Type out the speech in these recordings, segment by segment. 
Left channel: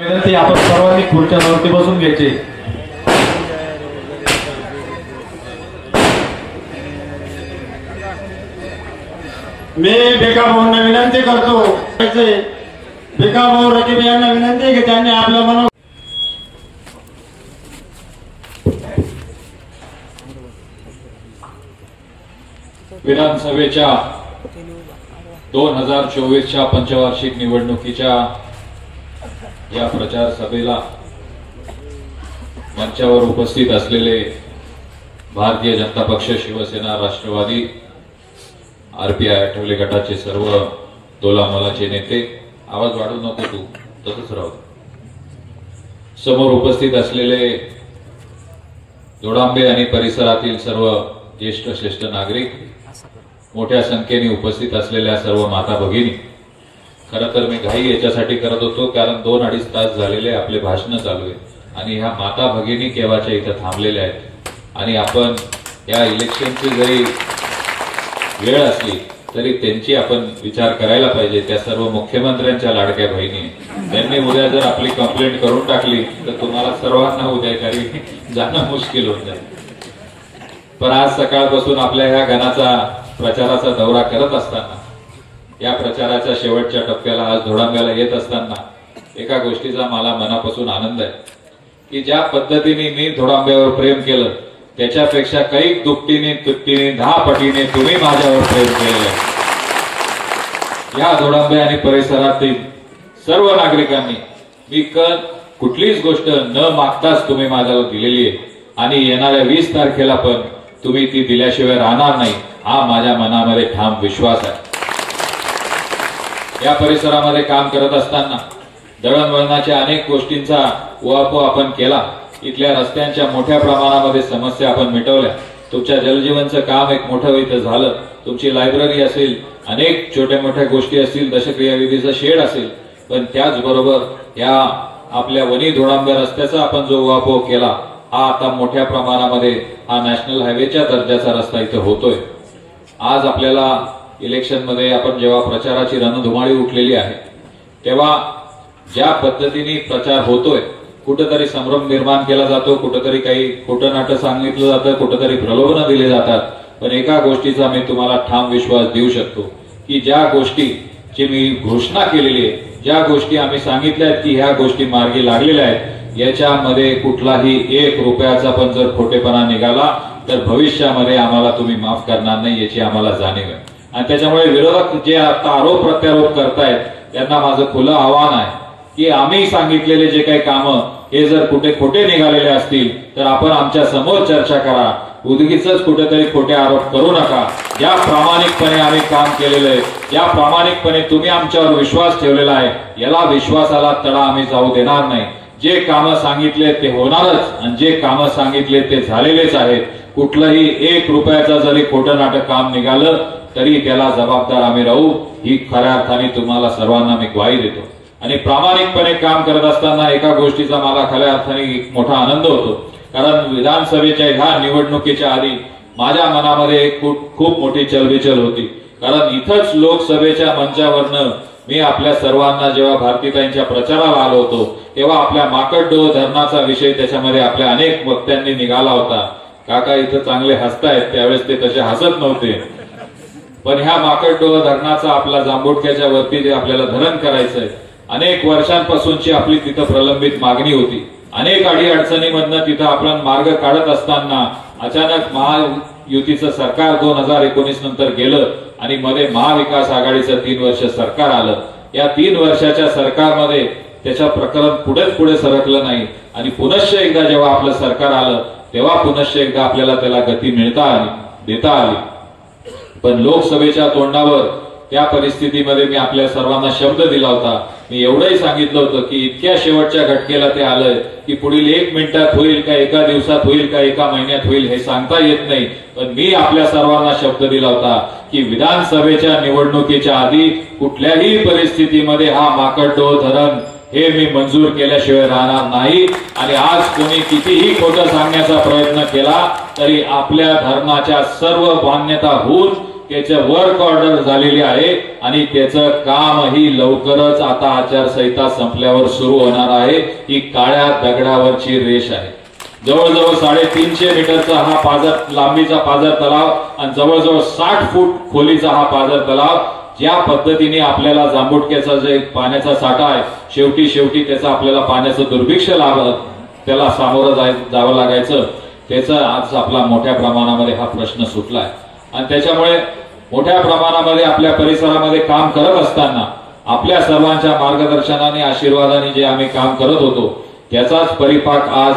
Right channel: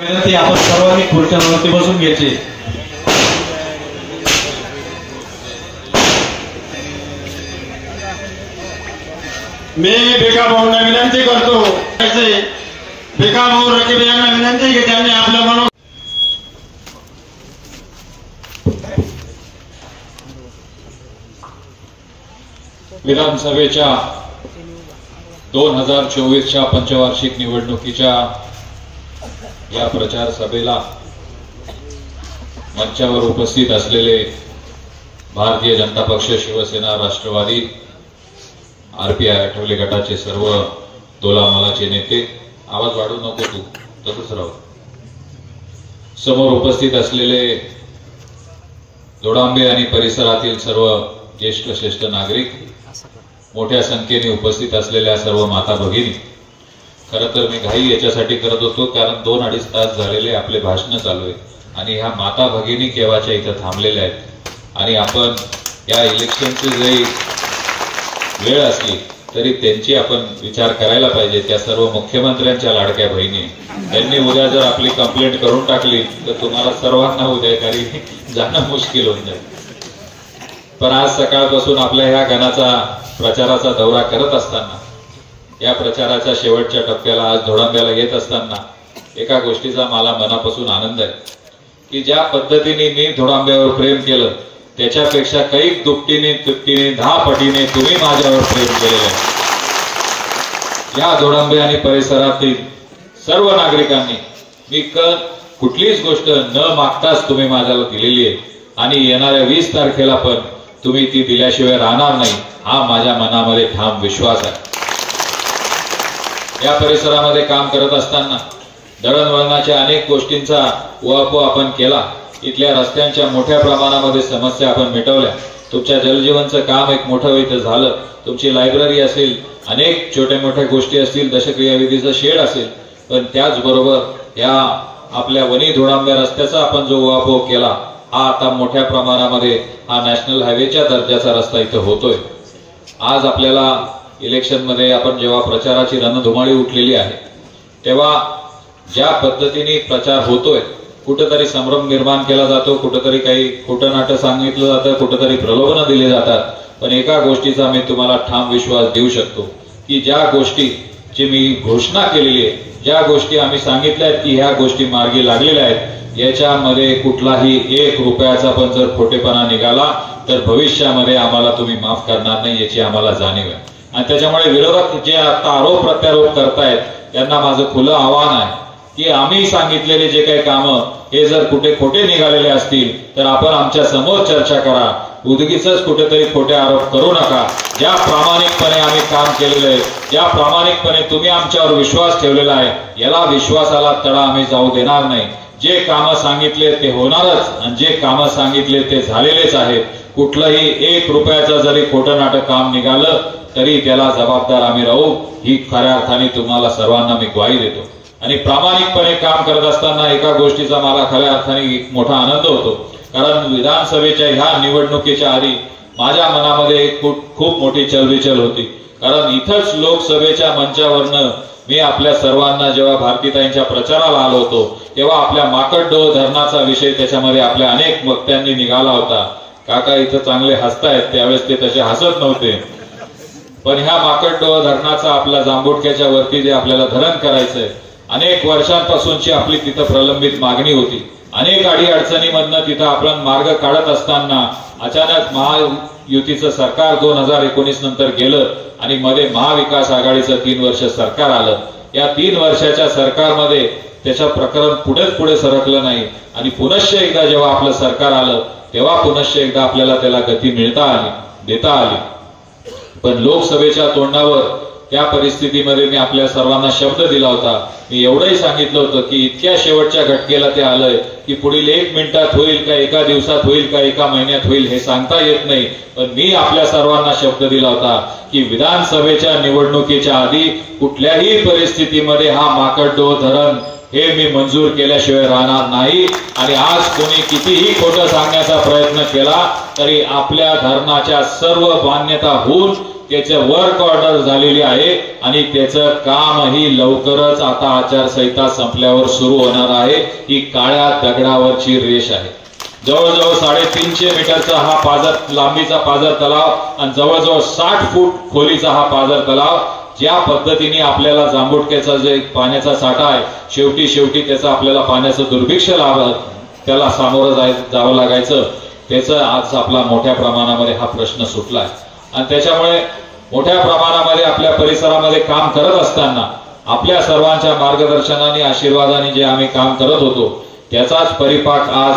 ते आपण सर्वांनी खुर्च्यांवरती बसून घ्यायचे। मी बेकार भाऊंना विनंती करतो, बेकार भाऊ रकीब यांना विनंती की त्यांनी आपलं म्हणून विधानसभेच्या 2024च्या पंचवार्षिक निवडणुकीच्या या प्रचार सभेला मंचावर उपस्थित असलेले भारतीय जनता पक्ष, शिवसेना, राष्ट्रवादी, आरपीआय आठवले गटाचे सर्व तोलामोलाचे नेते, आवाज वाढवू नको तू, तसंच राहू, समोर उपस्थित असलेले जोडांबे आणि परिसरातील सर्व ज्येष्ठ श्रेष्ठ नागरिक, मोठ्या संख्येने उपस्थित असलेल्या सर्व माता भगिनी, खरं तर मी घाई याच्यासाठी करत होतो कारण 2-2.5 तास झालेले आपले भाषण चालू आहे आणि ह्या माता भगिनी केव्हाच्या इथं थांबलेल्या आहेत आणि आपण या इलेक्शनची जरी वेळ असली तरी त्यांची आपण विचार करायला पाहिजे। त्या सर्व मुख्यमंत्र्यांच्या लाडक्या बहिणी, त्यांनी उद्या जर आपली कंप्लेंट करून टाकली तर तुम्हाला सर्वांना उद्या घरी जाणं मुश्किल होऊन जाईल। पण आज सकाळपासून आपल्या ह्या गणाचा प्रचाराचा दौरा करत असताना, या प्रचाराच्या शेवटच्या टप्प्याला आज धोडांब्याला येत असताना एका गोष्टीचा मला मनापासून आनंद आहे की ज्या पद्धतीने मी धोडांब्यावर प्रेम केलं त्याच्यापेक्षा काही दुपटीने, तिपटीने, 10 पटीने तुम्ही माझ्यावर प्रेम केलेलं आहे। या धोडांबे आणि परिसरातील सर्व नागरिकांनी मी कुठलीच गोष्ट न मागताच तुम्ही माझ्याला दिलेली आहे आणि येणाऱ्या 20 तारखेला पण तुम्ही ती दिल्याशिवाय राहणार नाही, हा माझ्या मनामध्ये ठाम विश्वास आहे। या परिसरामध्ये काम करत असताना दळणवळणाच्या अनेक गोष्टींचा उहापोह आपण केला, इथल्या रस्त्यांच्या मोठ्या प्रमाणामध्ये समस्या आपण मिटवल्या, तुमच्या जलजीवनचं काम एक मोठं इथं झालं, तुमची लायब्ररी असेल, अनेक छोट्या मोठ्या गोष्टी असतील, दशक्रियाविधीचं शेड असेल, पण त्याचबरोबर या आपल्या वणी धोडांबे रस्त्याचा आपण जो उहापोह केला हा आता मोठ्या प्रमाणामध्ये हा नॅशनल हायवेच्या दर्जाचा रस्ता इथं होतोय। आज आपल्याला इलेक्शन मध्ये आपण जेव्हा प्रचाराची रणधुमाळी उठलेली आहे तेव्हा ज्या पद्धतीने प्रचार होतोय, कुठेतरी संभ्रम निर्माण केला जातो, कुठेतरी काही खोटं नाटं सांगितलं जातं, कुठेतरी प्रलोभनं दिली जातात, पण एका गोष्टीचा मी तुम्हाला ठाम विश्वास देऊ शकतो की ज्या गोष्टीची मी घोषणा केलेली आहे, ज्या गोष्टी आम्ही सांगितल्या आहेत की ह्या गोष्टी मार्गी लागलेल्या आहेत, याच्यामध्ये कुठलाही 1 रुपयाचा पण जर खोटेपणा निघाला तर भविष्यामध्ये आम्हाला तुम्ही माफ करणार नाही याची आम्हाला जाणीव आहे। आणि त्याच्यामुळे विरोधक जे आता आरोप प्रत्यारोप करतायत त्यांना माझं खुलं आव्हान आहे की आम्ही सांगितलेले जे काही कामं हे जर कुठे खोटे निघालेले असतील तर आपण आमच्या समोर चर्चा करा, उगीच कुठेतरी खोटे आरोप करू नका। ज्या प्रामाणिकपणे आम्ही काम केलेलं आहे, ज्या प्रामाणिकपणे तुम्ही आमच्यावर विश्वास ठेवलेला आहे, याला विश्वासाला तडा आम्ही जाऊ देणार नाही। जे कामं सांगितले ते होणारच आणि जे कामं सांगितले ते झालेलेच आहेत। कुठलंही 1 रुपयाचा जरी खोटं नाटक काम निघालं तरी त्याला जबाबदार आम्ही राहू, ही खऱ्या अर्थाने तुम्हाला सर्वांना मी ग्वाही देतो। आणि प्रामाणिकपणे काम करत असताना एका गोष्टीचा मला खऱ्या अर्थाने मोठा आनंद होतो, कारण विधानसभेच्या ह्या निवडणुकीच्या आधी माझ्या मनामध्ये खूप मोठी चलबिचल होती, कारण इथंच लोकसभेच्या मंचावरनं मी आपल्या सर्वांना जेव्हा भारतीताईंच्या प्रचाराला आलो होतो तेव्हा आपल्या माकडडोह धरणाचा विषय त्याच्यामध्ये आपल्या अनेक वक्त्यांनी निघाला होता। काका इथं चांगले हसतायत, त्यावेळेस ते तसे हसत नव्हते, पण ह्या माकडडोह धरणाचा आपला जांभुडक्याच्या वरती जे आपल्याला धरण करायचंय, अनेक वर्षांपासूनची आपली तिथं प्रलंबित मागणी होती। अनेक अडचणीमधनं तिथं आपण मार्ग काढत असताना अचानक महायुतीचं सरकार 2019 नंतर गेलं आणि मध्ये महाविकास आघाडीचं 3 वर्ष सरकार आलं। या 3 वर्षाच्या सरकारमध्ये त्याचं प्रकरण पुढे सरकलं नाही आणि पुनश्च एकदा जेव्हा आपलं सरकार आलं तेव्हा पुनश्च एकदा आपल्याला त्याला गती देता आली। पण लोकसभेच्या तोंडावर त्या परिस्थितीमध्ये मी आपल्या सर्वांना शब्द दिला होता, मी एवढंही सांगितलं होतं की इतक्या शेवटच्या घटकेला ते आलंय की पुढील 1 मिनिटात होईल का, एका दिवसात होईल का, एका महिन्यात होईल हे सांगता येत नाही, पण मी आपल्या सर्वांना शब्द दिला होता की विधानसभेच्या निवडणुकीच्या आधी कुठल्याही परिस्थितीमध्ये हा माकडडोह धरण हे मी मंजूर केल्याशिवाय राहणार नाही। आणि आज कोणी कितीही खोटं सांगण्याचा प्रयत्न केला तरी आपल्या धरणाच्या सर्व मान्यता होऊन त्याचं वर्क ऑर्डर झालेली आहे आणि त्याचं कामही लवकरच आता आचारसंहिता संपल्यावर सुरू होणार आहे। ही काळ्या दगडावरची रेष आहे। जवळजवळ 350 मीटरचा हा पाझर लांबीचा पाझर तलाव आणि जवळजवळ 60 फूट खोलीचा हा पाझर तलाव ज्या पद्धतीने आपल्याला जांभुटक्याचा जे पाण्याचा साठा आहे शेवटी त्याचा आपल्याला पाण्याचं दुर्भिक्ष त्याला सामोरं जावं लागायचं, त्याचा आज आपला मोठ्या प्रमाणामध्ये हा प्रश्न सुटलाय। आणि त्याच्यामुळे मोठ्या प्रमाणामध्ये आपल्या परिसरामध्ये काम करत असताना आपल्या सर्वांच्या मार्गदर्शनाने आशीर्वादाने जे आम्ही काम करत होतो त्याचाच परिपाक आज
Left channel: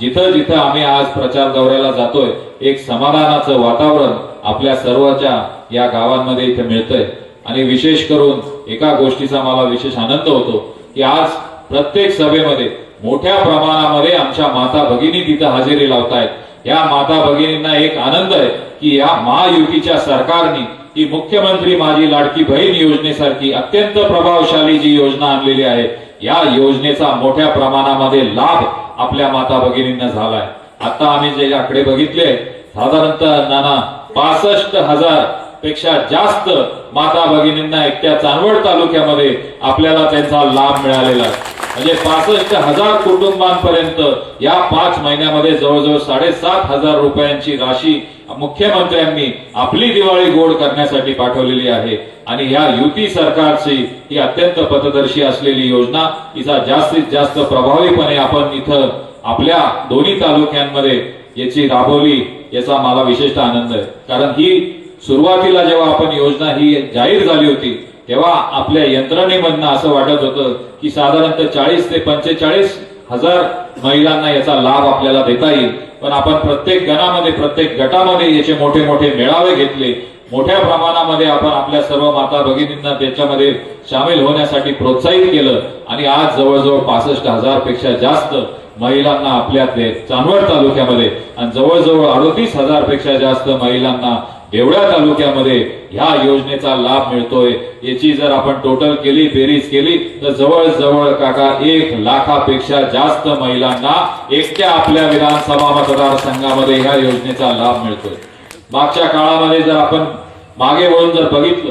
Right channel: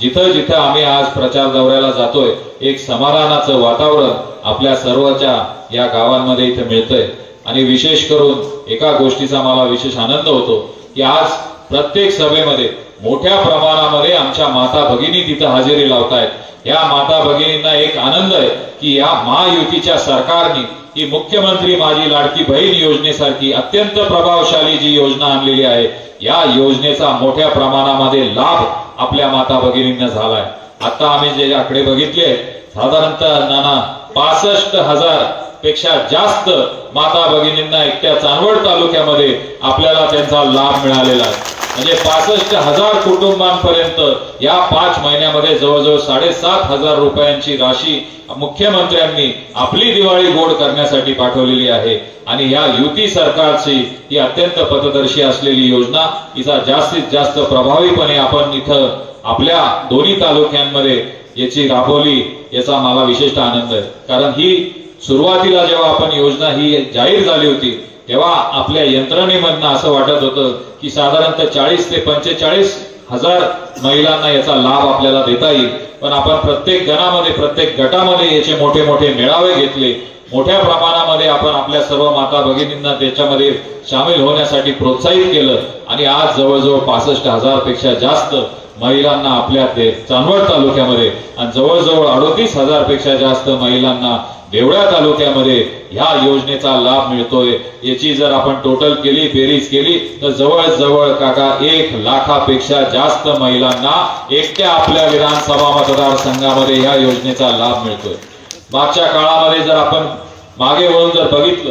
जिथं जिथं आम्ही आज प्रचार दौऱ्याला जातोय एक समाधानाचं वातावरण आपल्या सर्वच्या या गावांमध्ये इथे मिळतंय। आणि विशेष करून एका गोष्टीचा मला विशेष आनंद होतो की आज प्रत्येक सभेमध्ये मोठ्या प्रमाणामध्ये आमच्या माता भगिनी तिथे हजेरी लावतायत। या माता भगिनींना एक आनंद आहे की या महायुतीच्या सरकारने ही मुख्यमंत्री माझी लाडकी बहीण योजनेसारखी अत्यंत प्रभावशाली जी योजना आणलेली आहे या योजनेचा मोठ्या प्रमाणामध्ये लाभ आपल्या माता भगिनींना झालाय। आता आम्ही जे आकडे बघितले साधारणतः नाना 65,000 पेक्षा जास्त माता भगिनींना एकट्या चांदवड तालुक्यामध्ये आपल्याला त्यांचा लाभ मिळालेला आहे। म्हणजे 65,000 कुटुंबांपर्यंत या 5 महिन्यामध्ये जवळजवळ 7,500 रुपयांची राशी मुख्यमंत्र्यांनी आपली दिवाळी गोड करण्यासाठी पाठवलेली आहे। आणि ह्या युती सरकारची ही अत्यंत पथदर्शी असलेली योजना हिचा जास्तीत जास्त प्रभावीपणे आपण इथं आपल्या दोन्ही तालुक्यांमध्ये याची राबवली याचा मला विशेष आनंद आहे। कारण ही सुरुवातीला जेव्हा आपण योजना ही जाहीर झाली होती तेव्हा आपल्या यंत्रणेमधनं असं वाटत होतं की साधारणतः 40 ते 45,000 महिलांना याचा लाभ आपल्याला देता येईल। पण आपण प्रत्येक गणामध्ये प्रत्येक गटामध्ये याचे मोठे मोठे मेळावे घेतले, मोठ्या प्रमाणामध्ये आपण आपल्या सर्व माता भगिनींना त्याच्यामध्ये सामील होण्यासाठी प्रोत्साहित केलं आणि आज जवळजवळ 65,000 पेक्षा जास्त महिलांना आपल्या चांदवड तालुक्यामध्ये आणि जवळजवळ 38,000 पेक्षा जास्त महिलांना देवळा तालुक्यामध्ये ह्या योजनेचा लाभ मिळतोय। याची जर आपण टोटल केली बेरीज केली तर जवळजवळ काका 1 लाखापेक्षा जास्त महिलांना एकट्या आपल्या विधानसभा मतदारसंघामध्ये ह्या योजनेचा लाभ मिळतोय। मागच्या काळामध्ये जर आपण मागे वळून जर बघितलं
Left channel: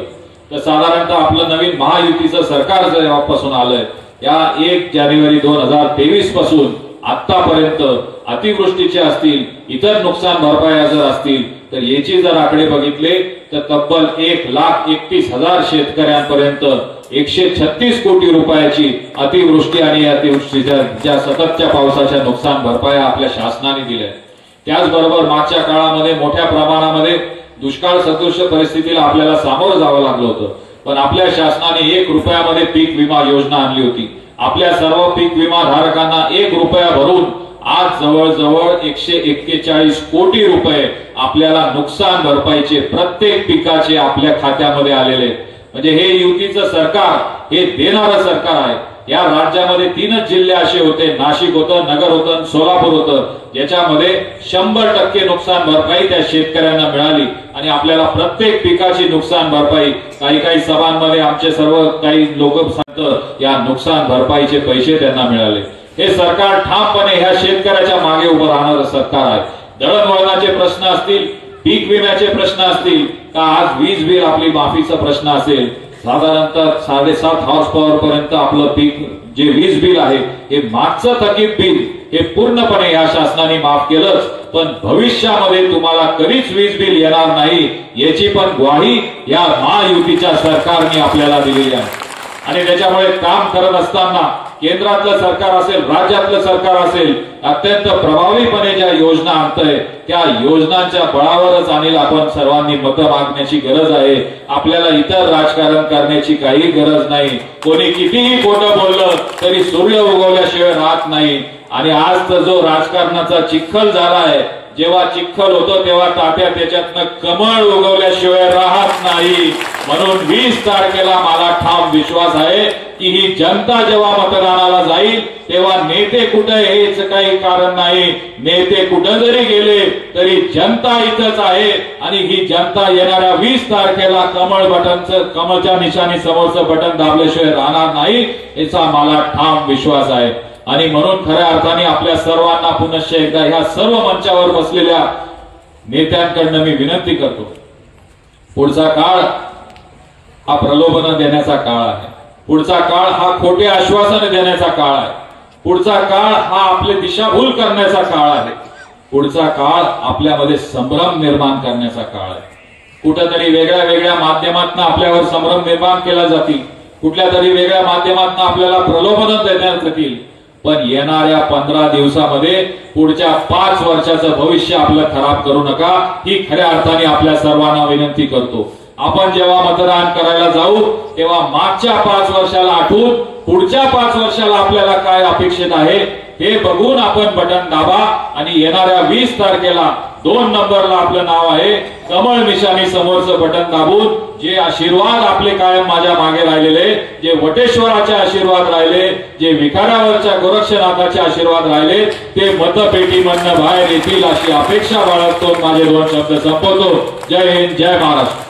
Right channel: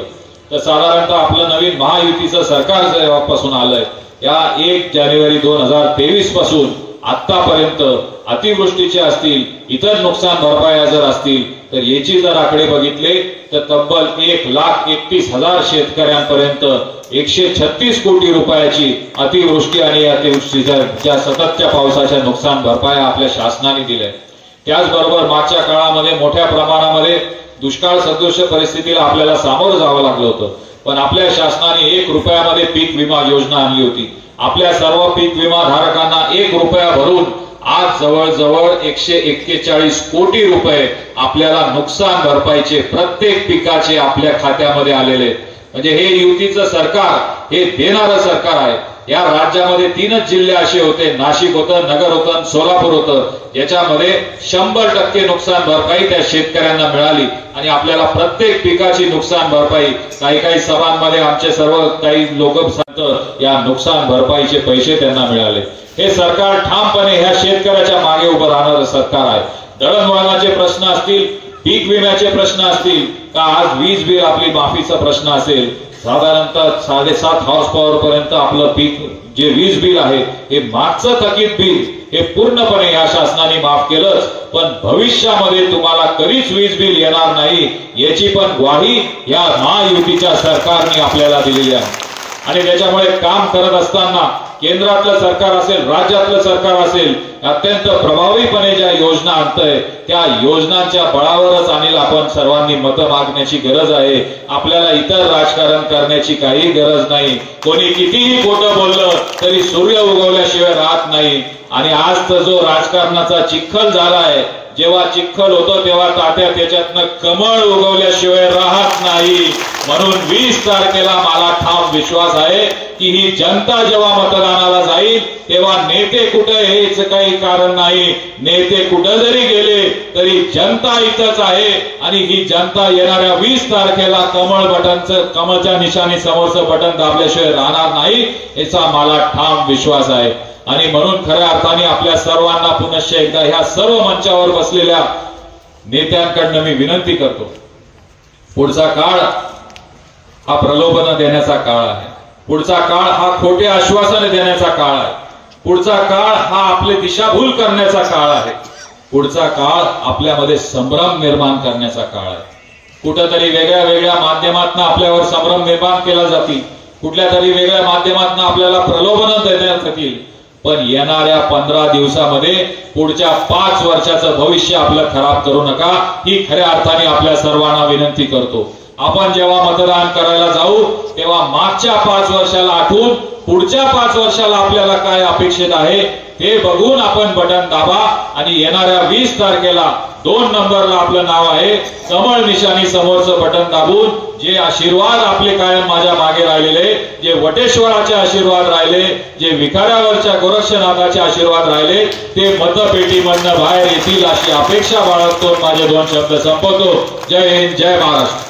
तर साधारणतः आपलं नवीन महायुतीचं सरकार जेव्हापासून आलंय या 1 जानेवारी 2023 पासून आतापर्यंत अतिवृष्टीचे असतील इतर नुकसान भरपाया जर असतील तर याची जर आकडे बघितले तर तब्बल 1,31,000 शेतकऱ्यांपर्यंत 136 कोटी रुपयाची अतिवृष्टी आणि अतिवृष्टीच्या सततच्या पावसाच्या नुकसान भरपाया आपल्या शासनाने दिल्या। त्याचबरोबर मागच्या काळामध्ये मोठ्या प्रमाणामध्ये दुष्काळ सदृश परिस्थितीला आपल्याला सामोरं जावं लागलं होतं, पण आपल्या शासनाने 1 रुपयामध्ये पीक विमा योजना आणली होती। आपल्या सर्व पीक विमा धारकांना 1 रुपया भरून आज जवळजवळ 141 कोटी रुपये आपल्याला नुकसान भरपाईचे प्रत्येक पिकाचे आपल्या खात्यामध्ये आलेले। म्हणजे हे युतीचं सरकार हे देणारं सरकार आहे। या राज्यामध्ये 3च जिल्हे असे होते, नाशिक होतं, नगर होतं, सोलापूर होतं, ज्याच्यामध्ये 100% नुकसान भरपाई त्या शेतकऱ्यांना मिळाली आणि आपल्याला प्रत्येक पिकाची नुकसान भरपाई काही सभांमध्ये आमचे सर्व काही लोक सांगतात या नुकसान भरपाईचे पैसे त्यांना मिळाले। हे सरकार ठामपणे ह्या शेतकऱ्याच्या मागे उभं राहणारं सरकार आहे। दळणवळणाचे प्रश्न असतील, पीक विम्याचे प्रश्न असतील का आज वीज बिल आपली माफीचा प्रश्न असेल, साधारणतः 7.5 हॉर्स पॉवर पर्यंत आपलं पीक जे वीज बिल आहे हे मागचं थकीत बिल हे पूर्णपणे या शासनाने माफ केलंच, पण भविष्यामध्ये तुम्हाला कधीच वीज बिल येणार नाही याची पण ग्वाही या महायुतीच्या सरकारने आपल्याला दिलेली आहे। आणि त्याच्यामुळे काम करत असताना केंद्रातलं सरकार असेल, राज्यातलं सरकार असेल, अत्यंत प्रभावीपणे ज्या योजना आणतंय त्या योजनांच्या बळावरच आणि आपण सर्वांनी मतं मागण्याची गरज आहे। आपल्याला इतर राजकारण करण्याची काही गरज नाही। कोणी कितीही खोटं बोललं तरी सूर्य उगवल्याशिवाय राहत नाही। आणि आज तर जो राजकारणाचा चिखल झालाय, जेव्हा चिखल होतं तेव्हा तात्या त्याच्यातनं कमळ उगवल्याशिवाय राहत नाही। म्हणून 20 तारखेला मला ठाम विश्वास आहे की ही जनता जेव्हा मतदानाला जाईल तेव्हा नेते कुठे हेच काही कारण नाही। नेते कुठे जरी गेले तरी जनता इथंच आहे आणि ही जनता येणाऱ्या 20 तारखेला कमळच्या निशाणी समोरचं बटन दाबल्याशिवाय राहणार नाही याचा मला ठाम विश्वास आहे। आणि म्हणून खऱ्या अर्थाने आपल्या सर्वांना पुनश्च एकदा ह्या सर्व मंचावर बसलेल्या नेत्यांकडनं मी विनंती करतो पुढचा काळ हा प्रलोभन देण्याचा काळ आहे. पुढचा काळ हा खोटे आश्वासन देण्याचा काळ आहे. पुढचा काळ हा आपले दिशाभूल करण्याचा काळ आहे. पुढचा काळ आपल्यामध्ये संभ्रम निर्माण करण्याचा काळ आहे. कुठेतरी वेगळ्या वेगळ्या माध्यमातून आपल्यावर संभ्रम निर्माण केला जातील, कुठल्या तरी वेगळ्या माध्यमातून आपल्याला प्रलोभन देण्यात येतील. पण येणाऱ्या 15 दिवसामध्ये पुढच्या 5 वर्षाचं भविष्य आपलं खराब करू नका, ही खऱ्या अर्थाने आपल्या सर्वांना विनंती करतो. आपण जेव्हा मतदान करायला जाऊ तेव्हा मागच्या 5 वर्षाला आठवून पुढच्या 5 वर्षाला आपल्याला काय अपेक्षित आहे ते बघून आपण बटन दाबा आणि येणाऱ्या 20 तारखेला 2 नंबरला आपलं नाव आहे, कमळ निशाणी समोरचं बटन दाबून जे आशीर्वाद आपले कायम माझ्या मागे राहिलेले, जे वटेश्वराचे आशीर्वाद राहिले, जे विखाऱ्यावरच्या गोरक्षनाथाचे आशीर्वाद राहिले, ते मतपेटीमधनं बाहेर येतील अशी अपेक्षा बाळगतो. माझे 2 शब्द संपवतो. जय हिंद, जय महाराष्ट्र.